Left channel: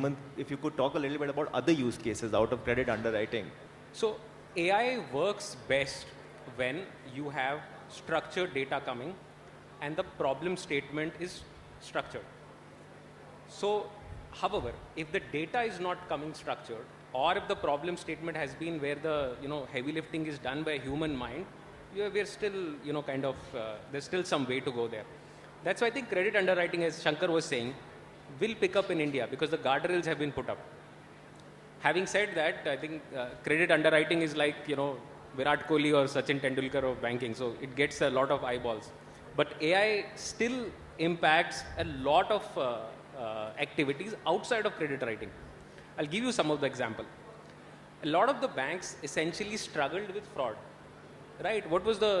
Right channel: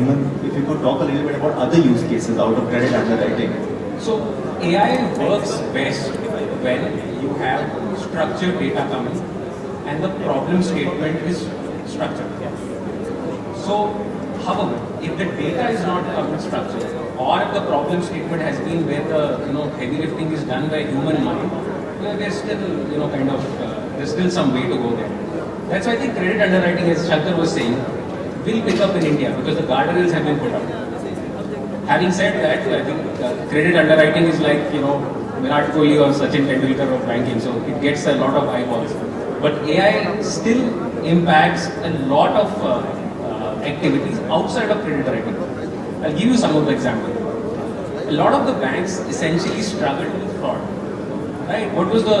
Hemant, if you could talk a little bit about other use cases out of credit underwriting. So AI works best when you have structured data coming and the problem statement is structured. So, however, if the data is not structured, or if the problem statement has been where the heavy lifting is done by human mind, there's still there's still some way to go there. That's why I think credit underwriting, as Shankar was saying, will pick up in India because the guardrails have been put up. Having said that, I think credit underwriting is like Virat Kohli or Sachin Tendulkar of banking, so it gets a lot of eyeballs. But AI still impacts a lot of activities outside of credit writing. I'll give you some of the examples. A lot of the banks essentially struggle with fraud. Right? What was the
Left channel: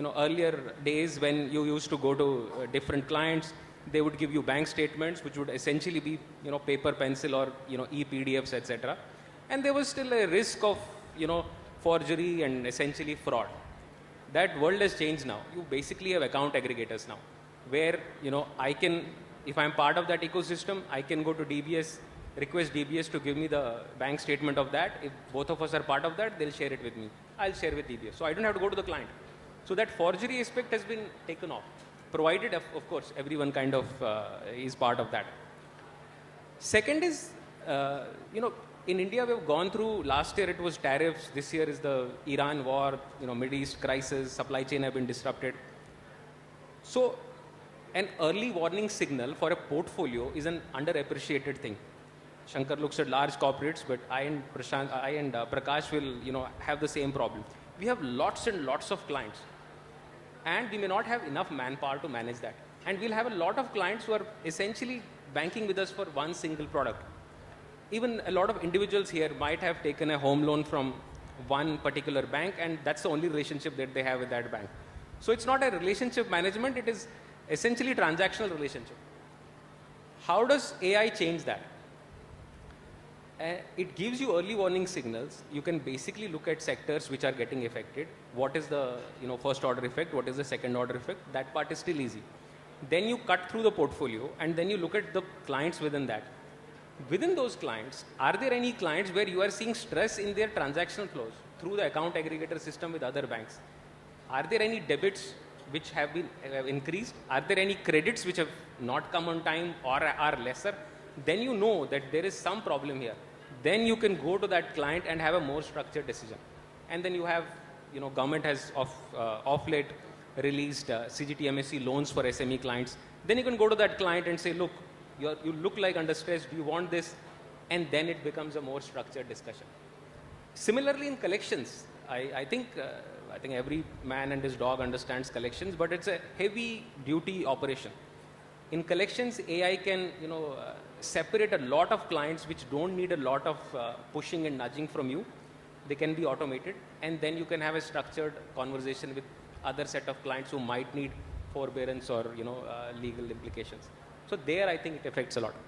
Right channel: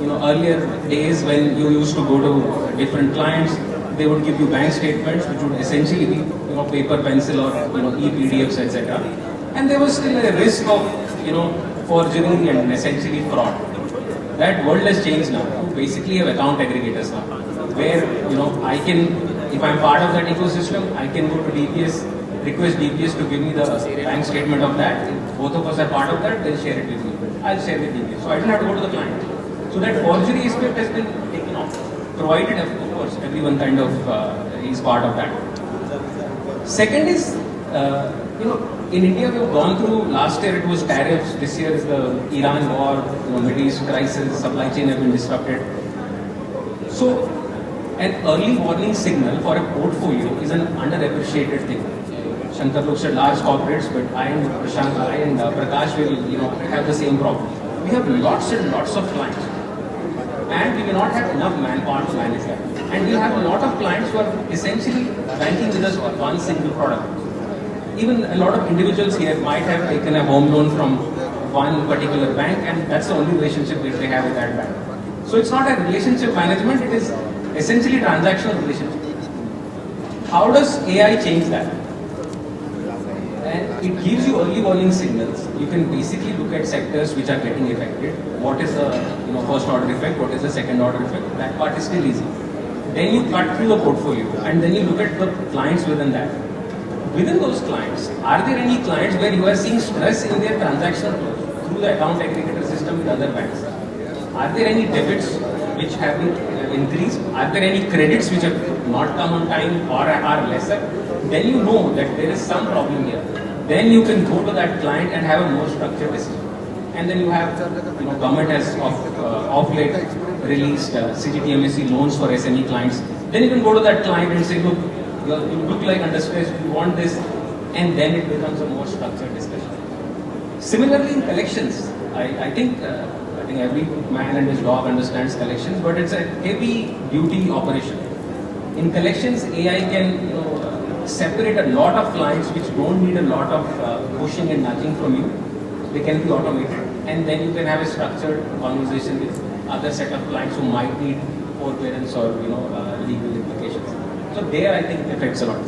earlier days when you used to go to different clients, they would give you bank statements, which would essentially be paper, pencil, or e-PDFs, etc. And there was still a risk of forgery and essentially fraud. That world has changed now. You basically have account aggregators now, where I can, if I'm part of that ecosystem, I can go to DPS, request DPS to give me the bank statement of that. If both of us are part of that, they'll share it with me. I'll share with DPS. So I don't have to go to the client. So that forgery aspect has been taken off, provided, of course, everyone is part of that. Second is, in India we've gone through, last year it was tariffs, this year is the Iran war, Middle East crisis, supply chain has been disrupted. So, an early warning signal for a portfolio is an underappreciated thing. Shankar looks at large corporates, but I and Prakash will have the same problem. We have lots and lots of clients, and we do not have enough manpower to manage that. And we have a lot of clients who are essentially banking with us for one single product. Even a lot of individuals here might have taken a home loan from one particular bank, and that's the only relationship that they have with that bank. So it's not a relationship management, it is essentially a transactional relationship. How does AI change that? And it gives you early warning signals. You can basically look at sectors which are getting affected. What is the first order effect? What is the second order effect? That part is still easy. Then you cut through the portfolio and then you look at the clients within that. Within those clients, are there any clients where you are seeing stress in their transaction through the account aggregator system with other banks? Are there any debits which have increased? Are there any credits which have not come on time or are lesser? Then you know that there is some problem here. Then you can go to that client and have a more structured decision. And then you have, government has of late released CGTMSE loans for SME clients. Then you can go to that client and say, look, you look like under stress, you want this, and then it becomes a more structured discussion. Similarly in collections, I think every man and his dog understands collections, but it's a heavy duty operation. In collections, AI can separate a lot of clients which don't need a lot of pushing and nudging from you. They can be automated, and then you can have a structured conversation with other set of clients who might need forbearance or legal implications. So there, I think it affects a lot.